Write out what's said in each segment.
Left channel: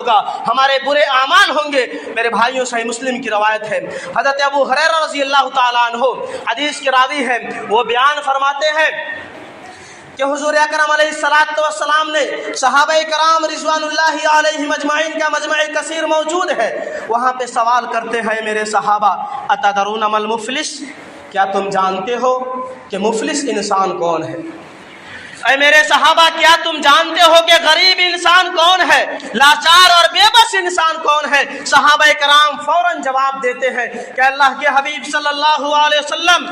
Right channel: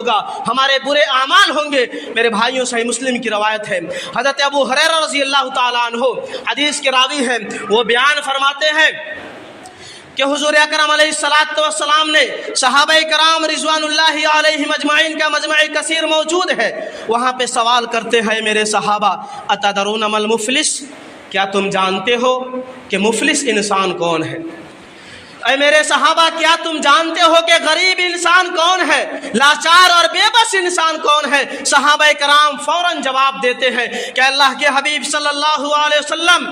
ہوگا، ہمارے برے اعمال ہوں گے۔ میرے بھائیوں، صحیح مسلم کی روایت ہے، حضرت ابو ہریرہ رضی اللہ تعالیٰ عنہ حدیث کے راوی ہیں، وہ بیان فرماتے ہیں کہ حضور اکرم علیہ السلام نے صحابہ کرام رضوان اللہ علیہم اجمعین کا مجمع کثیر موجود ہے، وہاں پہ سوال کرتے ہیں میرے صحابہ، اتدرون ما المفلس، کیا تم جانتے ہو کہ مفلس انسان کون ہے؟ اے میرے صحابہ، کیا تم جانتے ہو کہ غریب انسان کون ہے؟ لاچار اور بے بس انسان کون ہے؟ صحابہ کرام فوراً جواب دیتے ہیں کہ اللہ کے حبیب صلی اللہ علیہ وسلم،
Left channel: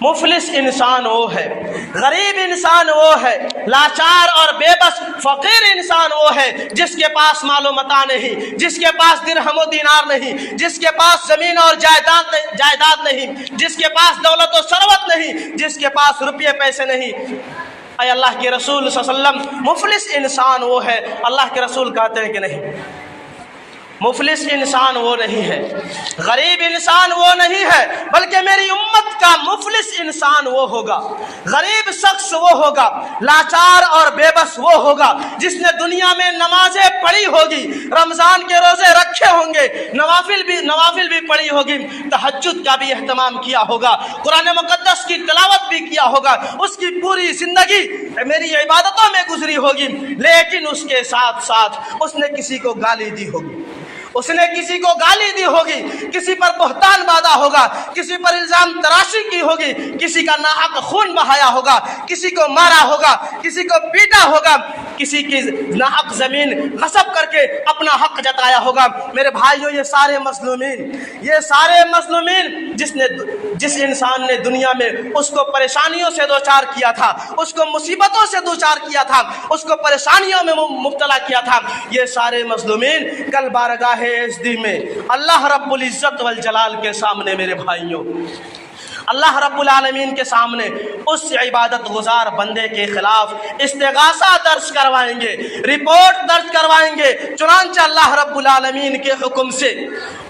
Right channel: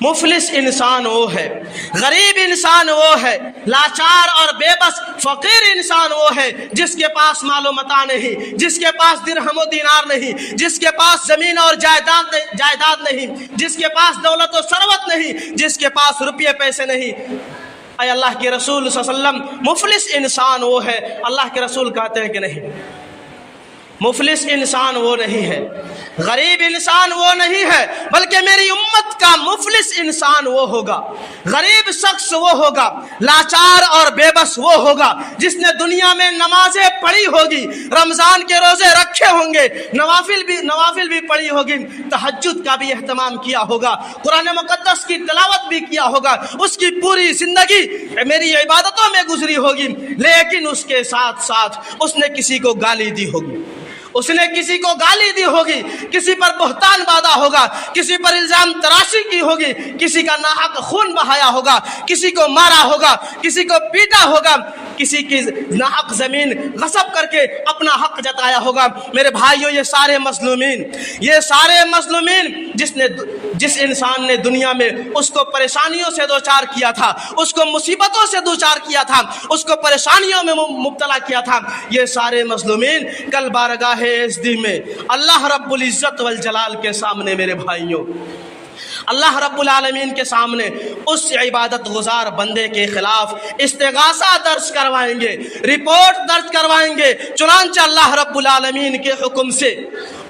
مفلس انسان وہ ہے، غریب انسان وہ ہے، لاچار اور بے بس فقیر انسان وہ ہے جس کے پاس مال و متاع نہیں، جس کے پاس درہم و دینار نہیں، جس کے پاس زمین اور جائیداد نہیں، جس کے پاس دولت و ثروت نہیں، جس کے پاس روپے پیسے نہیں۔ اے اللہ کے رسول صلی اللہ علیہ وسلم، مفلس انسان وہ ہے؟ اللہ کے رسول کہتے ہیں کہ نہیں، مفلس انسان وہ نہیں ہے، غریب انسان وہ نہیں ہے، بلکہ میری امت کا مفلس انسان وہ ہوگا، غریب شخص وہ ہوگا، لاچار اور بے بس وہ ہوگا جس نے دنیا میں نمازیں پڑھی ہوگی، رمضان کے روزے رکھے ہوں گے، نوافل بھی پڑھی ہوگی، تہجد کا بھی اہتمام کیا ہوگا، قرآن مقدس کی تلاوت بھی کیا ہوگا، اس کی پوری زندگی میری عبادتوں میں گزری ہوگی، لیکن اس کے ساتھ ساتھ اس نے کسی کو گالی دی ہوگی، اس نے کسی کو گالی دی ہوگی، کسی پر بہتان باندھا ہوگا، کسی پر الزام تراشی کی ہوگی، کسی کا ناحق خون بہایا ہوگا، کسی کو مارا ہوگا، کسی کو پیٹا ہوگا، کسی کی ناحق زمین غصب کر کے اپنا حق جتایا ہوگا۔ میرے بھائیوں، یہ سارے مظلومین جس انسان نے دنیا میں اس کو پریشانیوں سے دوچار کیا تھا، اس کو مصیبتوں سے دوچار کیا تھا، اس کو پریشانیوں میں مبتلا کیا تھا، یہ سارے مظلومین کل بارگاہ عزت میں اللہ رب العزت والجلال کے سامنے، میرے بھائیوں، اللہ رب العالمین کے سامنے اس عبادت گزار بندے کے خلاف استغاثہ درج کروائیں گے، رپورٹ درج کروائیں گے۔ چنانچہ اللہ رب العالمین کے حکم سے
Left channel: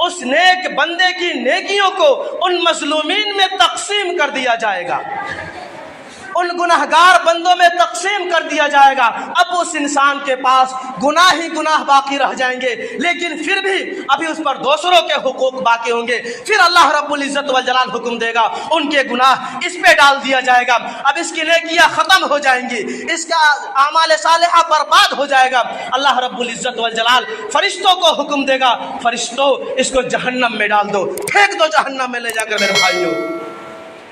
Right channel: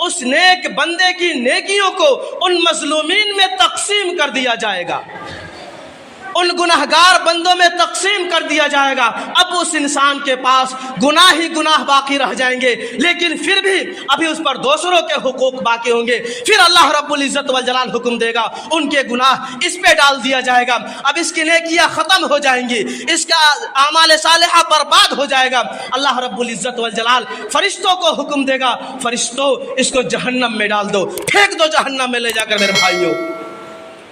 اس نیک بندے کی نیکیوں کو ان مظلومین میں تقسیم کر دیا جائے گا، ان گناہگار بندوں میں تقسیم کر دیا جائے گا۔ اب اس انسان کے پاس گناہ ہی گناہ باقی رہ جائیں گے، لیکن پھر بھی ابھی اس پر دوسروں کے حقوق باقی ہوں گے۔ پھر اللہ رب العزت والجلال حکم دے گا، ان کے گناہ اس پہ ڈال دیا جائے گا، اب اس کی نیکیاں ختم ہو جائیں گی، اس کا اعمال صالحہ برباد ہو جائے گا۔ اللہ رب العزت والجلال فرشتوں کو حکم دے گا، فرشتوں اس کو جہنم میں ڈال دو، پھینک دو جہنم میں لے جا کر۔ میرے بھائیوں،